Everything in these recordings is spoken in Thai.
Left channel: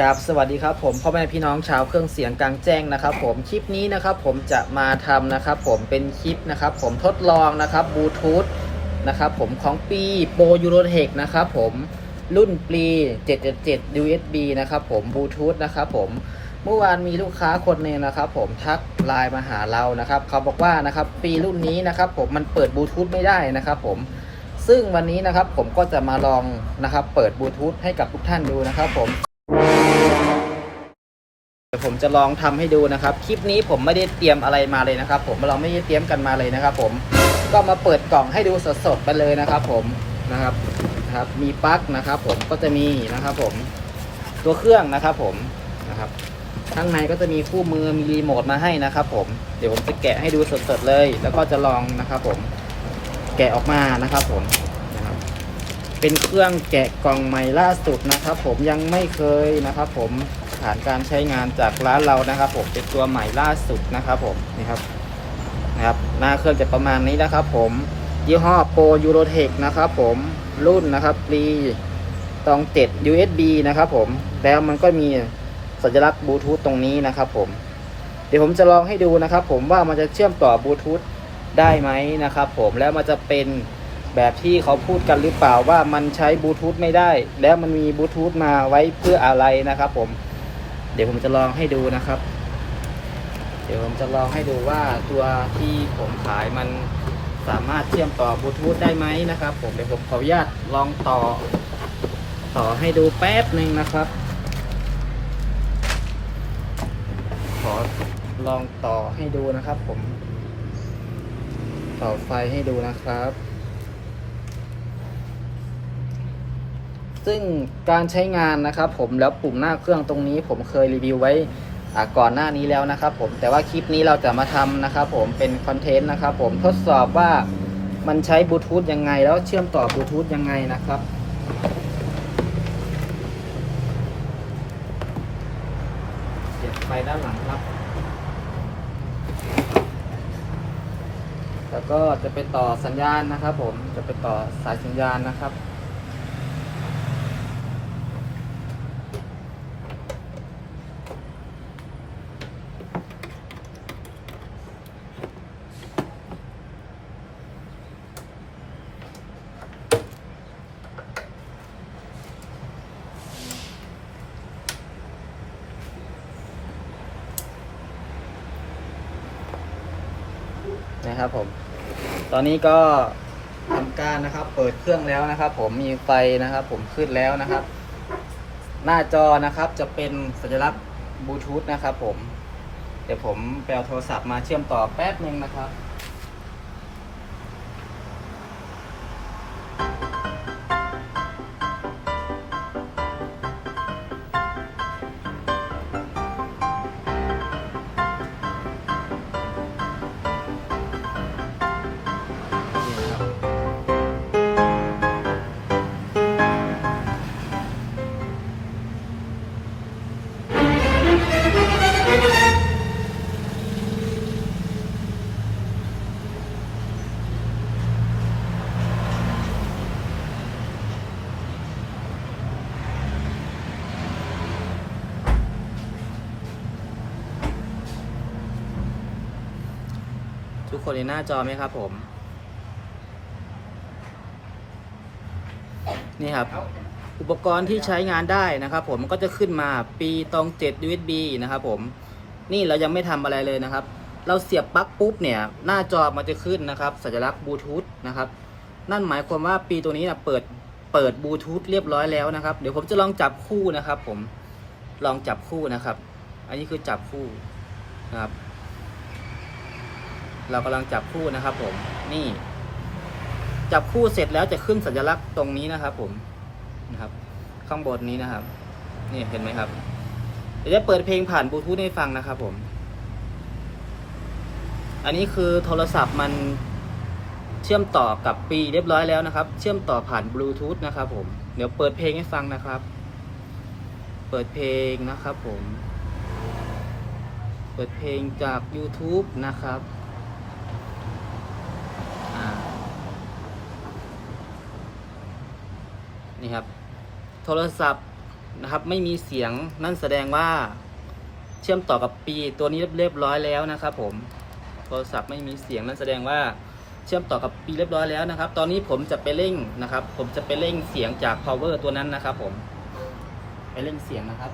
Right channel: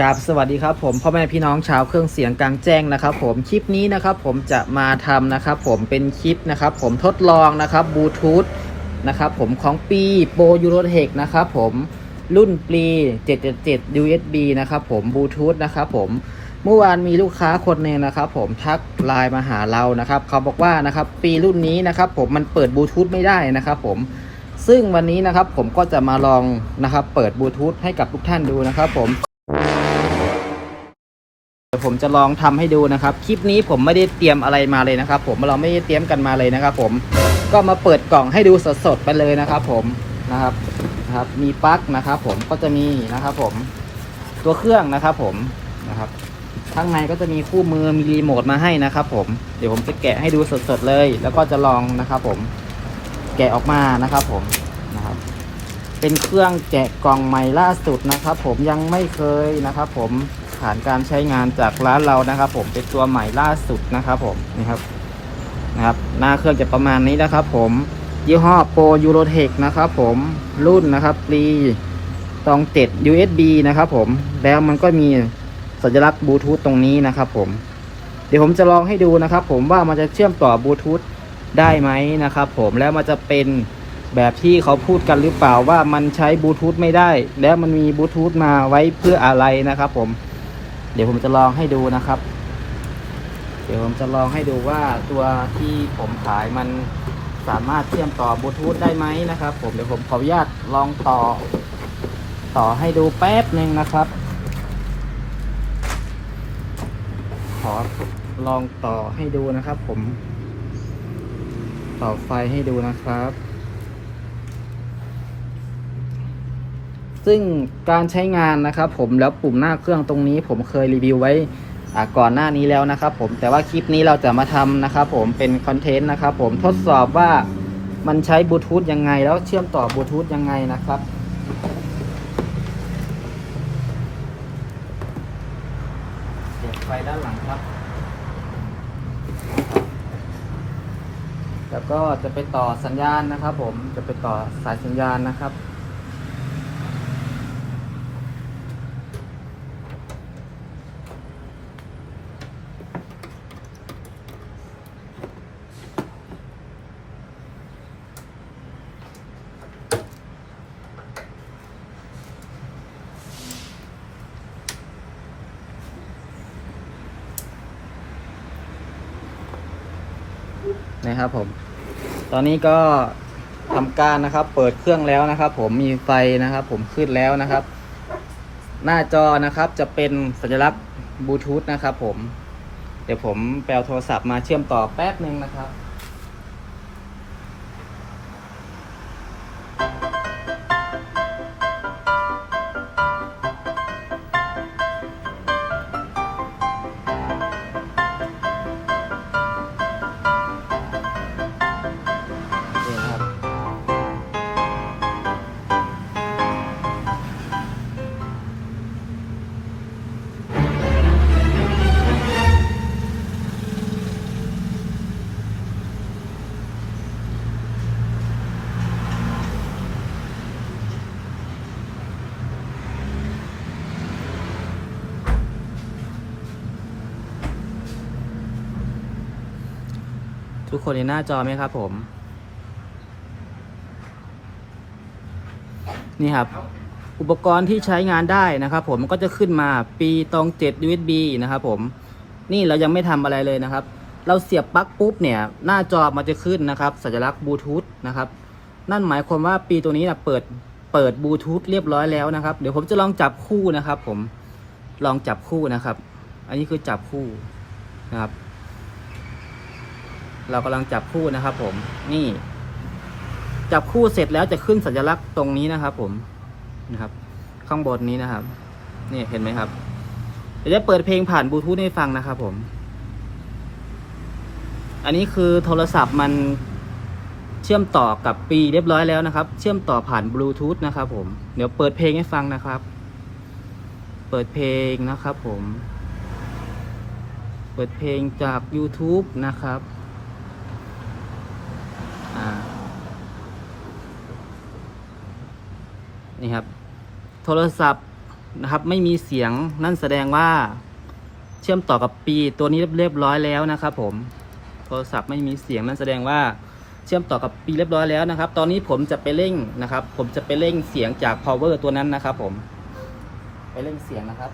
กราบสวัสดีครับผมพ่อแม่พี่น้องชาวเครื่องเสียงกลางแจ้งนะครับ ผมคลิปนี้นะครับผมจะมาทำนะครับผมเป็นคลิปนะครับผมทดลองนะครับบลูทูธนะครับผมของปีโปรยูโรเทคนะครับผมรุ่นปี777 USB นะครับผมบลูทูธนะครับผมเมื่อวานมีลูกค้าคนหนึงนะครับผมทักไลน์มาหาเรานะครับ เขาบอกว่านะครับปีรุ่นนี้นะครับผมมันเปิดบลูทูธไม่ได้นะครับผมซึ่งวันนี้นะครับผมก็จะมาลองนะครับเปิดบลูทูธให้กับทุกท่านดูนะครับผม ดี๋ยวผมจะลองทำให้ดูนะครับ คลิปนี้ผมไม่ได้เตรียมอะไรมาเลยนะครับ ผมเราไม่ได้เตรียมกันมาเลยนะครับ ผมก็มาเปิดกล่องให้ดูสดๆไปเลยนะครับ ผมนะครับนะครับมีปลั๊กนะครับ ผมก็จะมีนะครับ ผมตัวเครื่องนะครับ ผมนะครับข้างในก็จะมีคู่มือมีรีโมทมาให้นะครับ ผมเดี๋ยวผมจะแกะให้ดูสดๆเลย แล้วก็จะลองนะครับ ผมแกะออกมานะครับ ผมนะครับเป็นเครื่องแกะกล่องใหม่ล่าสุดนะครับ ผมยังไม่เคยนะครับ ผม ผ่านการใช้งานจากร้านเรานะครับ ผมเป็นตัวใหม่ล่าสุดนะครับผมนี่ครับนะครับหน้าเครื่องจะประมาณนี้นะครับ ผมยี่ห้อโปรยูโรเทคนะครับ ผมรุ่นนะครับรีตองเจ็ด USB นะครับผมแล้วมันก็มีสัญลักษณ์บลูทูธตรงนี้นะครับ ผม เดี๋ยวผมจะลองให้ดูนะครับ ผมว่ามันจะเชื่อมต่อบลูทูธได้ไหมนะครับ ผมแล้วมันจะเป็นแบบที่เขาพูดกันหรือเปล่าว่ามันใช้บลูทูธไม่ได้ แล้วมันมีบลูทูธมาไว้เพื่ออะไรนะครับ ผม เดี๋ยวผมจะลองให้ดูนะครับ เดี๋ยวผมจะลองให้ดูว่าตัวที่ผมขายมันสามารถเชื่อมต่อบลูทูธได้ไหมนะครับ ผมเดี๋ยวผมขออนุญาตลองต่อ ต่อให้ดูแป๊บหนึ่งนะครับ ขอลองต่อให้ดูนะครับ ผม ต่อไฟให้ดูนะครับ ซึ่งการใช้งานนะครับ ผมแล้วปุ่มหน้าเครื่องตรงนี้ผมเคยรีวิวไว้ก่อนหน้านี้แล้วนะครับ ผมแต่ว่าคลิปนี้เราจะมาทำนะครับ ผมเป็นคอนเทนต์นะครับ ผมทดสอบว่ามันใช้บลูทูธยังไง แล้วเชื่อมต่อบลูทูธยังไงนะครับเสียบไฟด้านหลังครับ แล้วก็จะไปต่อสัญญาณนะครับ ผมจะไปต่อสายสัญญาณนะครับ นะครับผม ตอนนี้ก็ทำการนะครับ เปิดเครื่องแล้วนะครับ ผมมีไฟนะครับ ผมขึ้นแล้วนะครับ หน้าจอนะครับจะเป็นสัญลักษณ์บลูทูธนะครับ ผม เดี๋ยวผมแปลโทรศัพท์มาเชื่อมต่อแป๊บหนึ่งนะครับ ทุกคนเห็นหน้าจอไหมครับผม นี่ครับ อุปกรณ์ที่ใช้งานได้นะครับ ผมก็จะขึ้นมาปีตอง7 USB นะครับผม นี่เรายังไม่ทำอะไรเลยนะครับ เราเสียบปลั๊กปุ๊บเนี่ย หน้าจอมันจะขึ้นนะครับ สัญลักษณ์บลูทูธนะครับ นั่นหมายความว่าปีตัวนี้นะเปิดเปิดบลูทูธเรียบร้อยแล้วนะครับ เดี๋ยวผมจะลองจับคู่นะครับ ผมลองจับคู่นะครับ อันนี้คือจับคู่นะครับ เรากำลังจับคู่นะครับ ผมนี่ จับคู่เสร็จแล้วจะขึ้นสัญลักษณ์ตรงนี้นะครับ ผมนะครับ ข้างบนนี้นะครับ นี่เห็นไหมครับเดี๋ยวจะเปิดเพลงผ่านบลูทูธให้ฟังนะครับ ผม อันนี้คือโทรศัพท์มันเชื่อมต่อกับปีเรียบร้อยแล้วนะครับ เชื่อมต่อผ่านบลูทูธนะครับผม เดี๋ยวเปิดเพลงให้ฟังนะครับ เปิดเพลงนะครับ ผม เปิดเพลงจาก YouTube นะครับอ่า นี่ครับ โทรศัพท์นะครับ ไม่มีเสียงนั่นแสดงว่าเชื่อมต่อกับปีตัวนี้เรียบร้อยแล้วนะครับ ผม โทรศัพท์ไม่มีเสียงนั่นแสดงว่าเชื่อมต่อกับปีเรียบร้อยแล้วนะครับ ตอนนี้ผมจะไปเร่งนะครับ ผมจะไปเร่งเสียงจาก power ตัวนั้นนะครับ ผม ไปเร่งเสียงนะครับ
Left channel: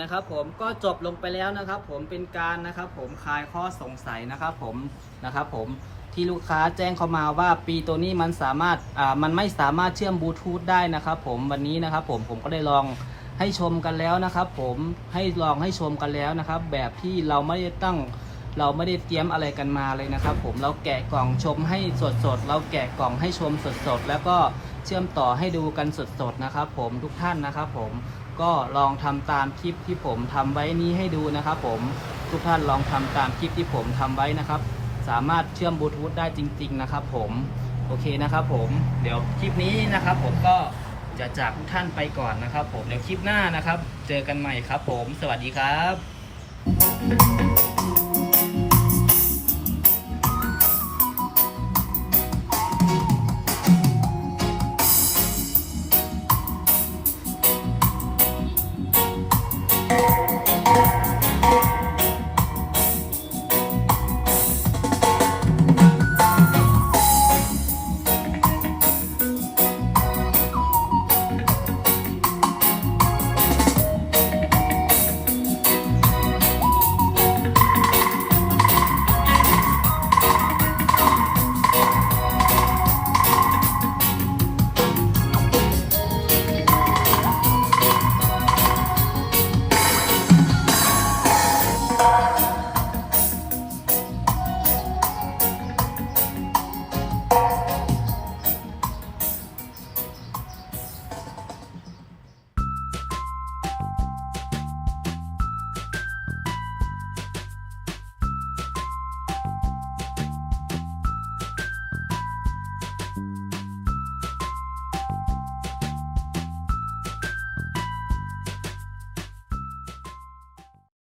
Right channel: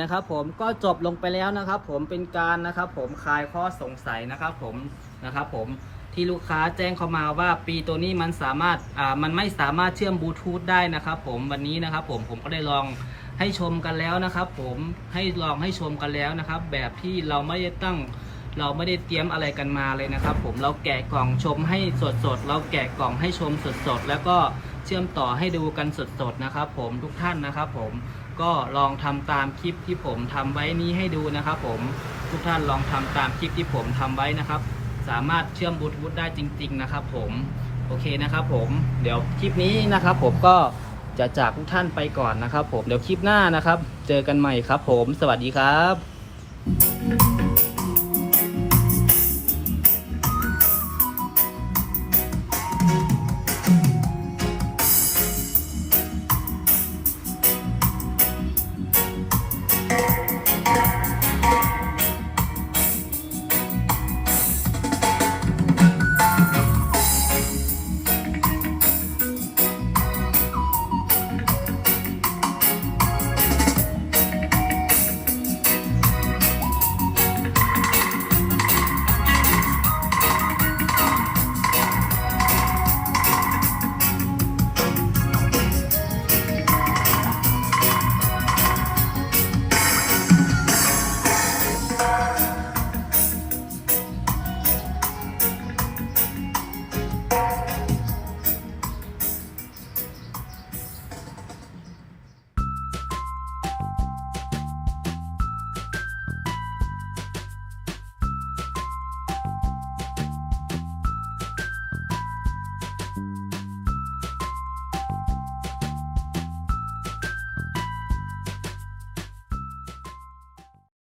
นะครับผมก็จบลงไปแล้วนะครับ ผมเป็นการนะครับ ผมคลายข้อสงสัยนะครับ ผมนะครับ ผมที่ลูกค้าแจ้งเข้ามาว่าปีตัวนี้มันสามารถอ่ามันไม่สามารถเชื่อมบลูทูธได้นะครับ ผมวันนี้นะครับ ผมผมก็ได้ลองให้ชมกันแล้วนะครับ ผมให้ลองให้ชมกันแล้วนะครับ แบบที่เราไม่ได้ตั้งเราไม่ได้เตรียมอะไรกันมาเลยนะครับ ผมเราแกะกล่องชมให้สดๆเราแกะกล่องให้ชมสดๆแล้วก็เชื่อมต่อให้ดูกันสดๆนะครับ ผมทุกท่านนะครับ ผม ก็ลองทำตามคลิปที่ผมทำไว้นี้ให้ดูนะครับ ผมทุกท่านลองทำตามคลิปที่ผมทำไว้นะครับ สามารถเชื่อมบลูทูธได้จริง ๆ นะครับ ผมโอเคนะครับผมเดี๋ยวคลิปนี้นะครับ ผมก็จะจากทุกท่านไปก่อนนะครับ ผมเดี๋ยวคลิปหน้านะครับ เจอกันใหม่ครับ ผม สวัสดีครับ